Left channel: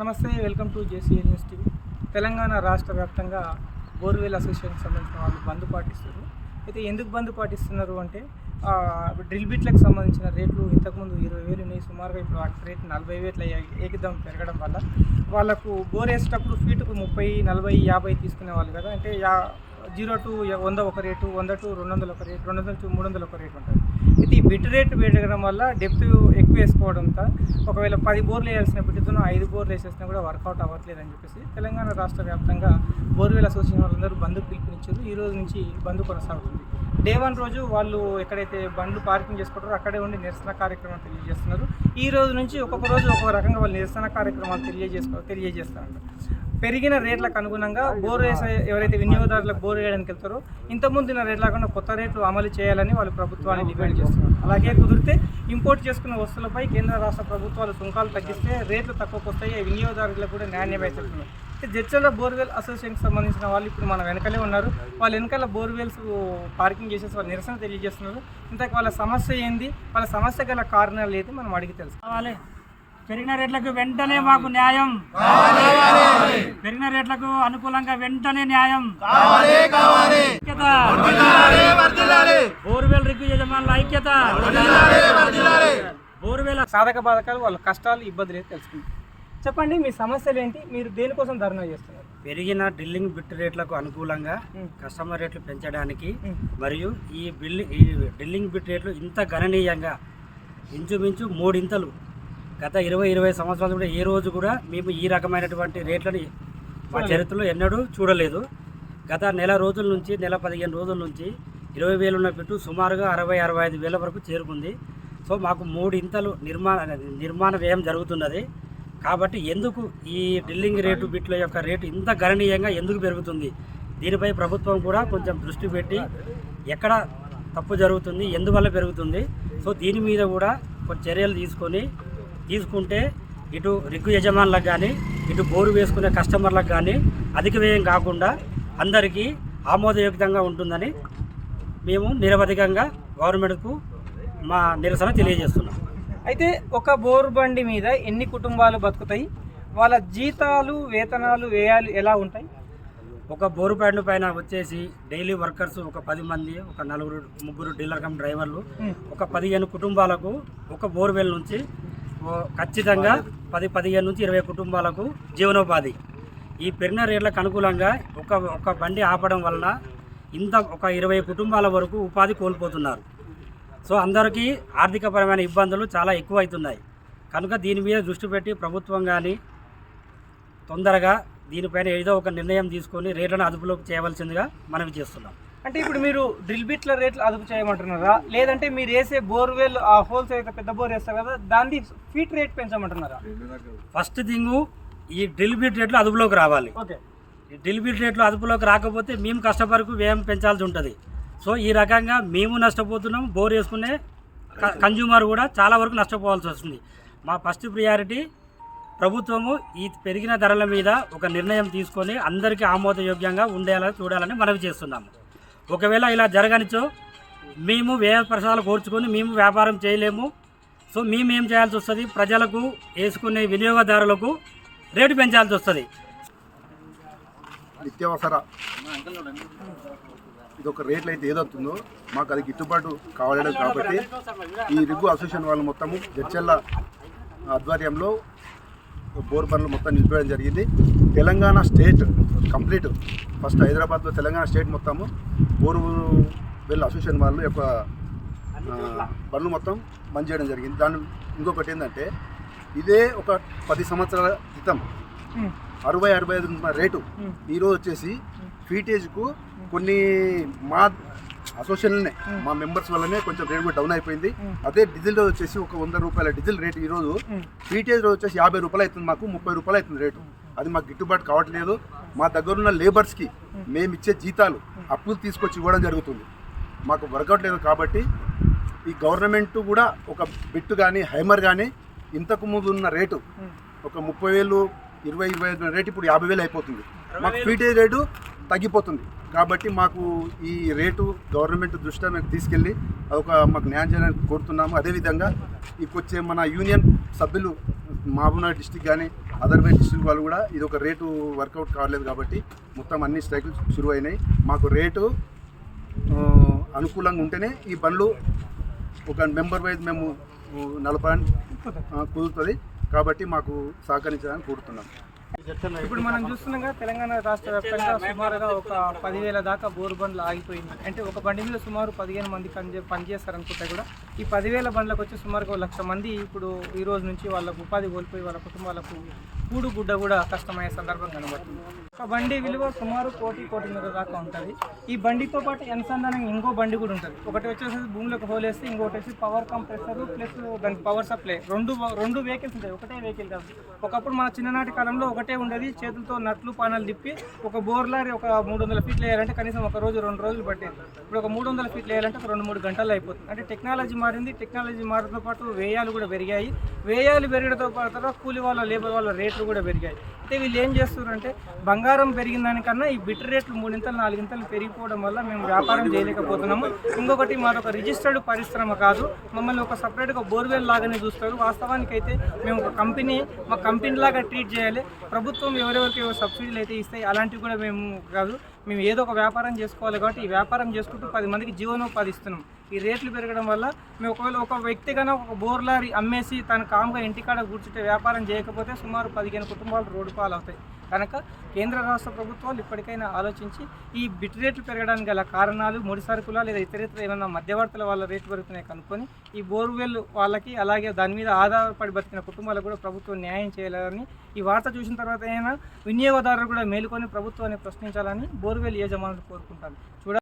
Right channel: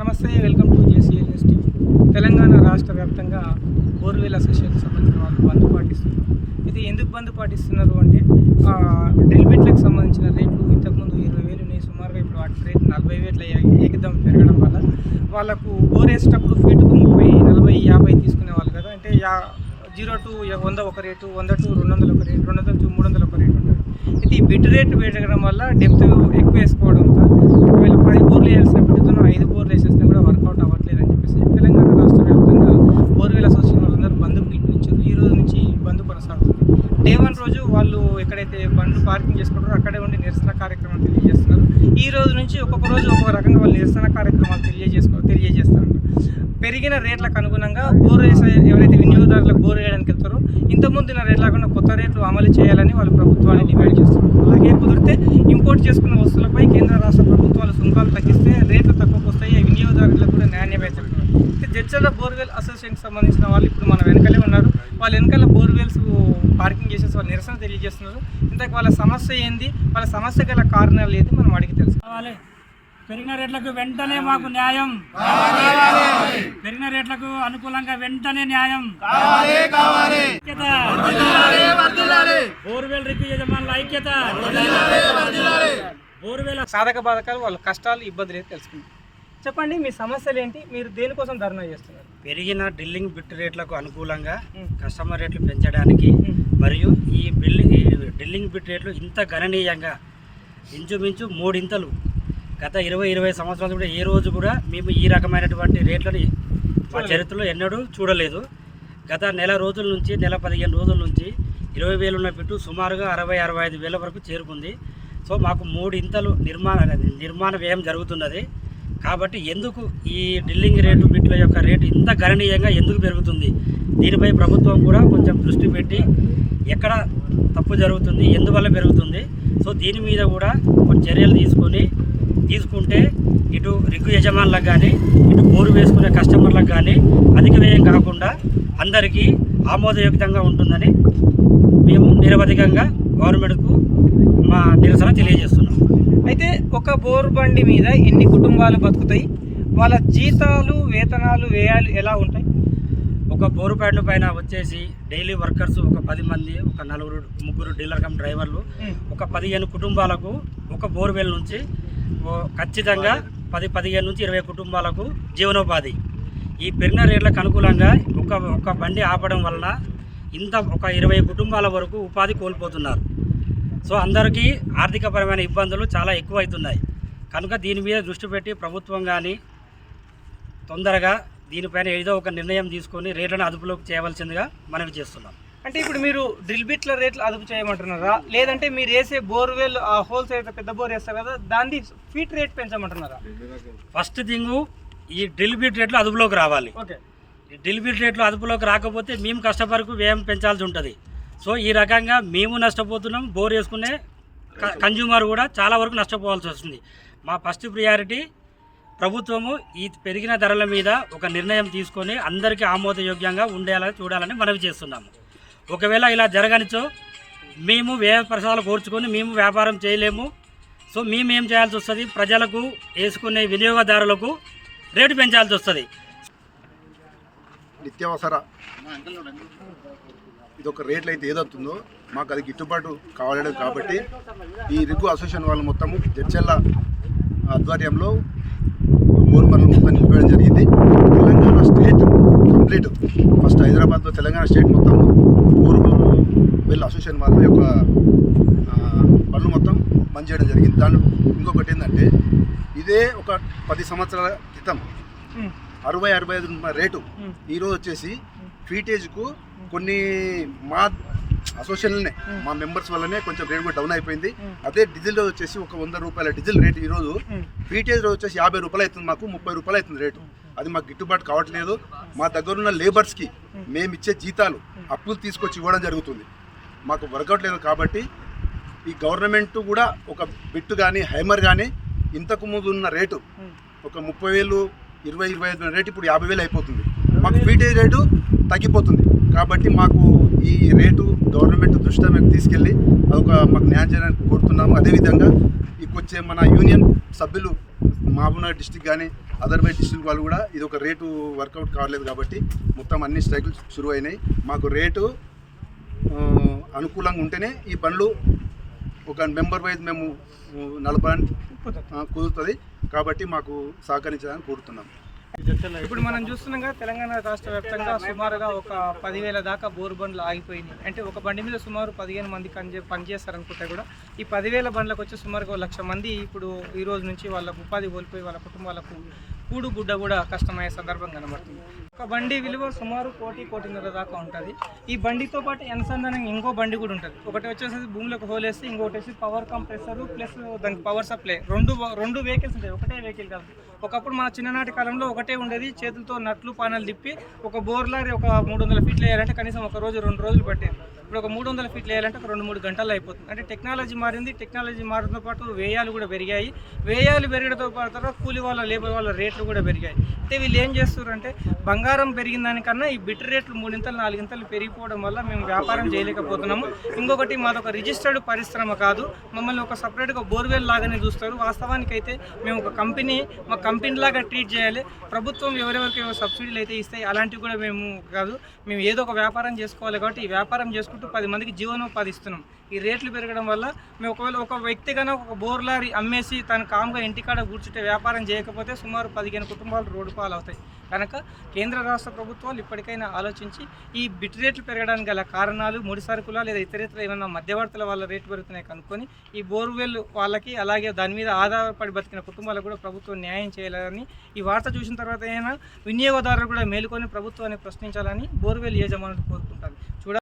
నమస్తే, welcome to JCL news TV. Telangana రాష్ట్ర వ్యాప్తంగా బోర్వెల్ అసోసియేషన్ సంబంధించిన వాళ్ళు బంద్ పాటిస్తున్నారు. అయితే ఎందుకు బంద్ పాటిస్తున్నారు అంటే డ్రిల్ బిట్లకు సంబంధించిన రేట్లు ఇంతకుముందు 20,000 ఉన్నాయి, సుమారుగా ఇప్పుడు వాటి రేటు 40,000 ఏకదం పెరగడం వల్ల వాళ్ళకు బోర్ వేసేటప్పుడు ఫీటుకు 30, 40, 50 తీసుకునేవాళ్ళు కదా. అంటే 0 to 100 ఒక రేటు, 100 to 200 ఒక రేటు, 200 to 300 ఒక రేటు ఉంటుంది. అయితే ఈ బిట్ రేటు పెరగడం వల్ల డెప్త్ ఎక్కువ వేసుకోవడంతో ఒకవేళ 10 బోర్లు వేయాల్సిన బిడ్డతో 5 బోర్లు వేసేసినా కూడా వర్కౌట్ అవ్వట్లేదు అని చెప్పేసి తెలంగాణ రాష్ట్ర వ్యాప్తంగా బోర్వెల్ అసోసియేషన్ వాళ్ళందరూ బంద్ పిలుపునిచ్చారు. ఈ రోజు నుంచి బంద్ కొనసాగుతుంది. డే 1 రోజు వాళ్ళు ఎక్కడైతే బండ్లు పార్కింగ్ చేసుకుంటారో అక్కడే ఉండి నిరసన కార్యక్రమం తెలియజేస్తున్నారు. ఈ రోజు నుంచి ఒక్కొక్క రోజు ఒక్కొక్క రకంగా వాళ్ళు నిరసన కార్యక్రమాలు తెలియజేస్తారు. పెరిగిన రేట్లకు అనుగుణంగా బోర్ వేసే ఎవరైతే వినియోగదారులకు బోర్ వేయడానికి వెళ్తారో ఇంతకుముందున్న రేట్ లేకుండా కొత్త రేట్లు అమలు చేయాలని వాళ్ళు ప్రభుత్వాన్ని డిమాండ్ చేస్తున్నారు. అలాగే కుదిరితే ఇంపోర్ట్ చేసుకున్న వస్తువులపై కేంద్ర రాష్ట్ర ప్రభుత్వాలు సుంకాలు తగ్గిస్తే రేట్లు తక్కువకు వస్తాయి, వినియోగదారులకు కూడా నాణ్యమే చెప్తున్నారు. జడ్చర్ల బోర్వెల్ అసోసియేషన్కి సంబంధించిన వాళ్ళు ఇప్పుడు మన వెనకలే ఉన్నారు. వాళ్ళ వెనకాల బోర్వెల్స్ పార్కింగ్ చేసేసి వాళ్ళు నిరసన తెలియజేస్తున్నారు. ఇంతకు వాళ్ళ సమస్య ఏంది, వాళ్ళ సమస్య గల కారణాలు ఏంటి మనం అడిగి తెలుసుకోవాలి. పెరిగిన రేట్లకు వెంటనే మాకు న్యాయం, పెరిగిన రేట్లకు అనుకూలంగా వెంటనే న్యాయం. బోర్వెల్ రిగ్గు యజమానుల ఐక్యత. బోర్వెల్ సాధక బాధకాలు, వాళ్ళ కష్టాలు, ఇబ్బందులు అయితే తెలుసుకుంటాం. చెప్పండి, మీ సమస్యలు ఏంటి, మీరు దేనికోసం ధర్నా చేస్తున్నారు? పెరిగిన డ్రిల్లింగ్ బిట్ రేట్లకు అనుకూలంగా కస్టమర్ రేట్లు పెంచడానికి మరియు ఈ డ్రిల్లింగ్ బిట్ రేట్లు ఇంత గణనీయంగా ఇంచుమించు 3 ఇంతలు గత 20 సంవత్సరాలు కూడా ఏ రోజు కూడా మేము ఈ రకమైనటువంటి రేట్లని మా చరిత్రలో ఎన్నడూ చూడలేదు. గత నెల రోజుల నుంచి, నెల 15 రోజుల నుంచి 20,000 ఉన్న బిట్టు సుమారుగా 60-65 వరకు చేరుకుంది. సో మాకు 3 ఇంతలు నిర్మాణ వ్యయం జరుగుతున్నది. కాబట్టి ఎందుకు ఈ డ్రిల్లింగ్ రేటు బిట్ల యొక్క రేటు ఇంత గణనీయంగా ఎందుకు పెరుగుతుంది, దీనిపై ప్రభుత్వం కూడా కొంచెం దృష్టి పెట్టి ఎక్కడ తప్పు జరుగుతుంది, ఎందువల్ల పెరుగుతుంది, సో దీని మీద కూడా కొన్ని చర్యలు తీసుకుంటే ఇటు రిగ్గు యజమానులకు కానీ ఇటు బోరు వేసుకునే కస్టమర్లకు కానీ అధిక వ్యయం కాకుండా అందరికీ ఆమోదయోగ్యంగా ఉంటుందని మేము నిరవధికంగా గవర్నమెంట్కు మా నిరసన తెలియజేస్తున్నాం. అయితే ఒక బోరు బండి మీద ఎన్ని కుటుంబాలు బతుకుతాయి, వాళ్ళ జీతాలు, వేతనాలు, వ్యయాలు ఎలా ఉంటాయి? ఒక బోరు బండి పైన వచ్చేసి డైలీ వర్కర్స్ ఒక 10 మంది, ఒక 4-3 డీలర్ కమ్ డ్రైవర్లు, ఒక 15 కుటుంబాలకు ఒక బోర్వెల్ నుంచి ఖచ్చితంగా 10-15 నుంచి 20 కుటుంబాలకు జీవనోపాధి. ఈ పెరిగిన రేట్లకు అనుకూలంగా ఒక బండి ఆపడం వలన ఒక 20 కుటుంబాల వరకు ఉపాధి కోల్పోతున్నారు. సో అందరికీ ఆర్థికపరమైన ఇబ్బందులు చాలా ఎక్కువ అవుతున్నాయి. కనుక దీని మీద దృష్టి పెట్టి ప్రభుత్వం కానీ తొందరగా దీనిపైన ఏదో ఒక నిర్ణయం తీసుకొని రేట్లను అదుపులోకి చేయవలసిందిగా మనవి చేస్తున్నాం. అంటే ఇప్పుడు మీరు డ్రిల్ బిట్ల రేట్లు అదుపు చేయమంటున్నారా, లేదంటే మీరు వేసే బోర్వెల్ ఆ హోల్స్ అయితే పెద్ద బోర్ వేస్తారు కదా దాన్ని ఫీట్ రేట్ పెంచమంటున్నారా? ఫస్ట్ థింగ్ ఈ డ్రిల్ బిట్ రేట్లు అదుపులోకి రావాలి. ఓకే, ఈ డ్రిల్ బిట్ రేట్లు అదుపులోకి రాకపోతే మేము కస్టమర్కు వ్యయం పెంచాల్సి ఉంటుంది. సో ఈ రకంగా మేము నష్టపోతున్నాం, బోర్ వేసుకునే కన్జ్యూమర్ కూడా చాలా వరకు నష్టపోవాల్సి వస్తుంది. మా ఫస్ట్ ప్రియారిటీ ప్రభుత్వము ఈ పెరిగిన ధరల మీద ఒక నిర్ణయం తీసుకొని అందరికీ ఆమోదయోగ్యంగా ఉండేలా చూడాలని మనవి చేస్తున్నాము. ఒకవేళ ఇలా జరగనిచో మేము వ్యయ పరిసరాలు కోర్చుకొని మేము వ్యాపారం చేయలేము. సో మేము ఏం చేయాల్సి వస్తుంది, ప్రజలకు వేసుకునే వినియోగదారులకు రేటు పెంచాల్సి వస్తుంది. నిత్యావసర ఇది ఒక రేట్లు అయితే ఏదవుతుందో మాకు అది గిట్టుబాటు కావలేదు. కాబట్టి ఈ రిగ్గు అసోసియేషన్ వాళ్ళు మొత్తము జడ్చర్ల ఆధ్వర్యంలో బోర్ పనులు మొత్తం నిలిపేయడం జరిగింది. తెలంగాణ స్టేట్ కంప్లీట్ ఫస్ట్ హైదరాబాద్లో తెలంగాణ స్టేట్ మొత్తము బోర్వెల్ అసోసియేషన్ వాళ్ళ యొక్క పనులు మొత్తం బంద్ చేయడం జరిగింది. దాని ఇంకొకటి ఏంటంటే ఇదే ఒక 10 సంవత్సరాల క్రితం 60-65 రేటు ఈరోజు వచ్చేసి ఫీటేజ్కు కొన్ని మా అసోసియేషన్లనే మా మెంబర్స్ వల్లనే కొంచెం రేట్ కూడా డౌన్ అయిపోయింది. అదే డీజిల్ రోజు వచ్చేసి ఒక 100 రూపాయల డీజిల్ రేటు ఈరోజు ఫీటేజ్ రోజు వచ్చేసి 50 రూపాయలు అవుతుంది, మాకు 30 రూపాయలు అవుతుంది రేటు. అది మాకు గిట్టుబాటు కావట్లేదు. మా దగ్గరున్న లేబర్స్కి మేము ఇచ్చే జీతాలు అప్పులు తీసుకొచ్చి ఇవ్వడం జరుగుతుంది, మాకు వర్కౌట్ లేదు. కాబట్టి ఈ గవర్నమెంట్ కూడా ఒక బిట్ కానీ హైమర్ కానీ ఇంతకు ముందు ఉన్న రేటు ఒక 30,000, 20-25 రేటు ఇప్పుడు 50,000 అయిపోతుంది. మాకు ఫీటేజ్ రేటు తగ్గిపోతుంది. కాబట్టి మాకు ఈ రేటు గవర్నమెంట్ దృష్టిలో మేము తీసుకెళ్ళి అదొక మాకు న్యాయం చేయడానికి కోరుతున్నాము. అదేవిధంగా ఇకొచ్చే మన యూనియన్ సభ్యులు మహబూబ్నగర్ డిస్టిక్ కానీ అదర్వైజ్ డిస్టిక్ వాళ్ళు కూడా ఇది ఒక రేటు వర్కౌట్ కావట్లేదు కాబట్టి మొత్తం అన్ని స్ట్రైకులు షురు అయినాయి. మాకు రేటు అనుకూలంగా ఉంటేనే ఈ బండ్లు ఒక మెంబర్ వైజ్ మేము నడపడానికి కుదురుతుంది కాబట్టి మాకు సహకరించాలని కోరుతున్నాం. ఇప్పుడు మనం చూస్తున్నాం కదా, తెలంగాణ రాష్ట్ర వ్యాప్తంగా సుమారుగా ఒక 10,000 దాకా బోరు బండ్లు ఆగిపోయినాయి. అంటే ఒక బండి మీద సుమారు 15 మంది పనిచేస్తారనుకుంటే కూడా ఈ 10,000 బండ్లకు వచ్చి సుమారుగా 1,00,000 మంది ఇప్పుడు ఈ రోజు నుంచి వాళ్ళకు ఉపాధి కోల్పోయి వాళ్ళ కుటుంబాలకు కూడు గుడ్డ కూడా కష్టమయ్యే సందర్భం కనబడుతుంది. ఒక బండి విలువ సుమారు 1,00,00,000 దాకా ఉంటుంది. ఈ బండితో పాటు అనుసంధానంగా ఇంకో బండి కూడా ఉంటుంది. ఒకటి వచ్చేసి భూమిలోకి హోలేస్తే ఇంకోటి వచ్చి పవర్ కంప్రెసర్ ప్లస్ దానికి పవర్ సప్లై రెండు వెహికల్స్ ఉంటాయి, ఒకటే వెహికల్ కాదు. ఒకప్పుడు మన చిన్ననాటి కాలంలో ఒకటే ఉండేది, చేతులతో నట్లు పానాలు తిప్పి ఒక బోర్లారీ ఒక 300 ఫీట్లు వేయాలంటే కనీసం ఒక రోజు 2 రోజులు పట్టేది. ఇప్పుడు ఒక 300 ఫీట్లు వేయాలంటే ఒక 2-3 గంటల్లో అయిపోతుంది. అంటే టెక్నాలజీ మారింది. టెక్నాలజీ మారడంతో పాటు వ్యయాలు కూడా పెరిగాయి. వ్యయాలు పెరగడంతో పాటు కూలి వాళ్ళ లేబర్ వాళ్ళ రేట్లు కూడా పెరిగాయి. అయితే వీళ్ళు ఏం చేస్తున్నారంటే బంగారం పెరిగిన దానికన్నా ఈ బిట్ రేట్లు 3-4 పెరిగిపోవడం వల్ల మేము వ్యాపారం చేయలేకపోతున్నాము. ఇంకొకటి మాదొక రిజిస్టర్డ్ పరిశ్రమ కాదు, మమ్మల్ని ఒక సపరేట్గా బోర్వెల్ లాగానే చూస్తారు. వాస్తవానికి అయితే మేము ఒక కంపెనీ, మా కంపెనీ లాగా ట్రీట్ చేయాలి. ప్రభుత్వం ఎవరెవరికి సబ్సిడీలు అయితే ఇస్తాయి అలాంటివి కూడా మేము కాదు, మేము ఏదో ఒక వ్యాపారం చేసుకోవాలి. కాబట్టి ఈ వ్యాపారం చేసుకుంటూ 10 మందికి జీవనోపాధి ఇస్తున్నాం. ఈ రేట్లు పెరగడం వల్ల మేము ఒకవేళ ఒక వ్యక్తి కన్నా ఒక బోర్లారీ అమ్మేసి తన కామ్గా ఇంటికాడ కూర్చుంటే వ్యాపారం చేయకపోతే సుమారు 15 కుటుంబాలు రోడ్డు పాలవుతాయి. కనుక కేంద్ర రాష్ట్ర ప్రభుత్వాలు ఇప్పటికైనా ఆలోచించి ఈ బిట్ రేట్లు పెరగడానికి గల కారణాలు, ముడి సరుకుల లేదా ఇతరేతర ఏమైనా మధ్యవర్తుల వల్ల రేట్లు పెరుగుతున్నాయి కనుక్కొని ఈ బోర్వెల్ వాళ్ళకి అలాగే దాని మీద ఆధారపడి బతికిన కుటుంబాలకు కూడా ప్రభుత్వం న్యాయం చేయాలని, ఈ వార్త చూసిన తర్వాత అయినా వినియోగదారులు కూడా మేలుకొని ప్రభుత్వాన్ని ప్రశ్నించాలని బోర్వెల్ యజమానులు కోరుకుంటారు.